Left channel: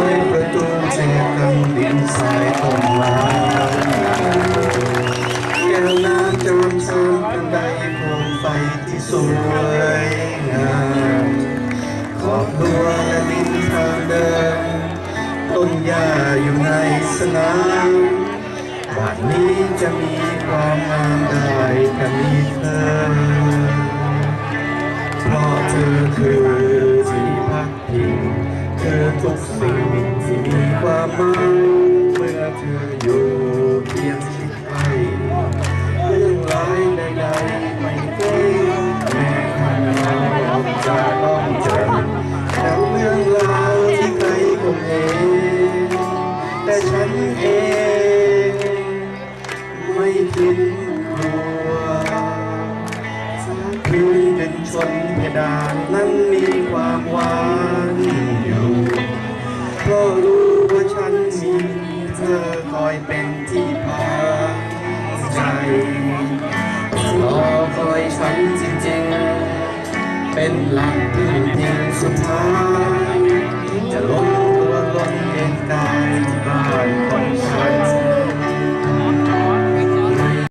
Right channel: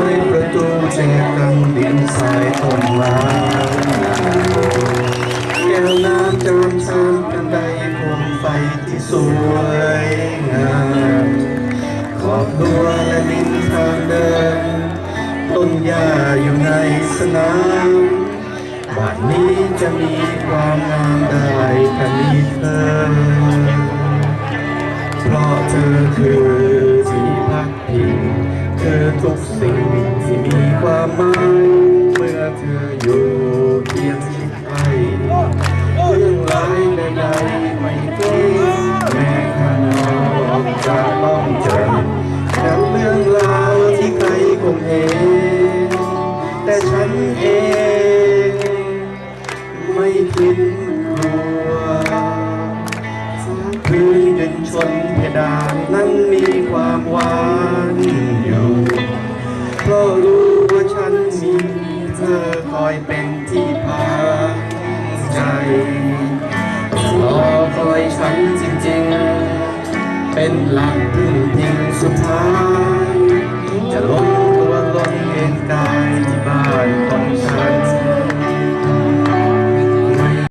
วยประตูแจกันดินสายต้นลาแก้วน้ำจติมเสริมกันใดพวงไฟที่สวยงามขอบดัวและดินทางเดิน ต้นหญ้าอยู่ในสนามบ้านนี้จะมีความงามได้กันนี้เธอเพราะเธอคือ มีความเมื่อเธออยู่เคียงชิดใกล้เรื่องร้ายใดๆไม่เกรงแม้ข้างนอกจะต้องเจอแต่เรื่องราวที่ใครคงเห็นแต่ฉันเองไม่คิดกลัวพื้นดินชนเพดานนั้นมีความหวาน ฉันจริงๆ เป็นหลักพึ่งพิงสุดท้าย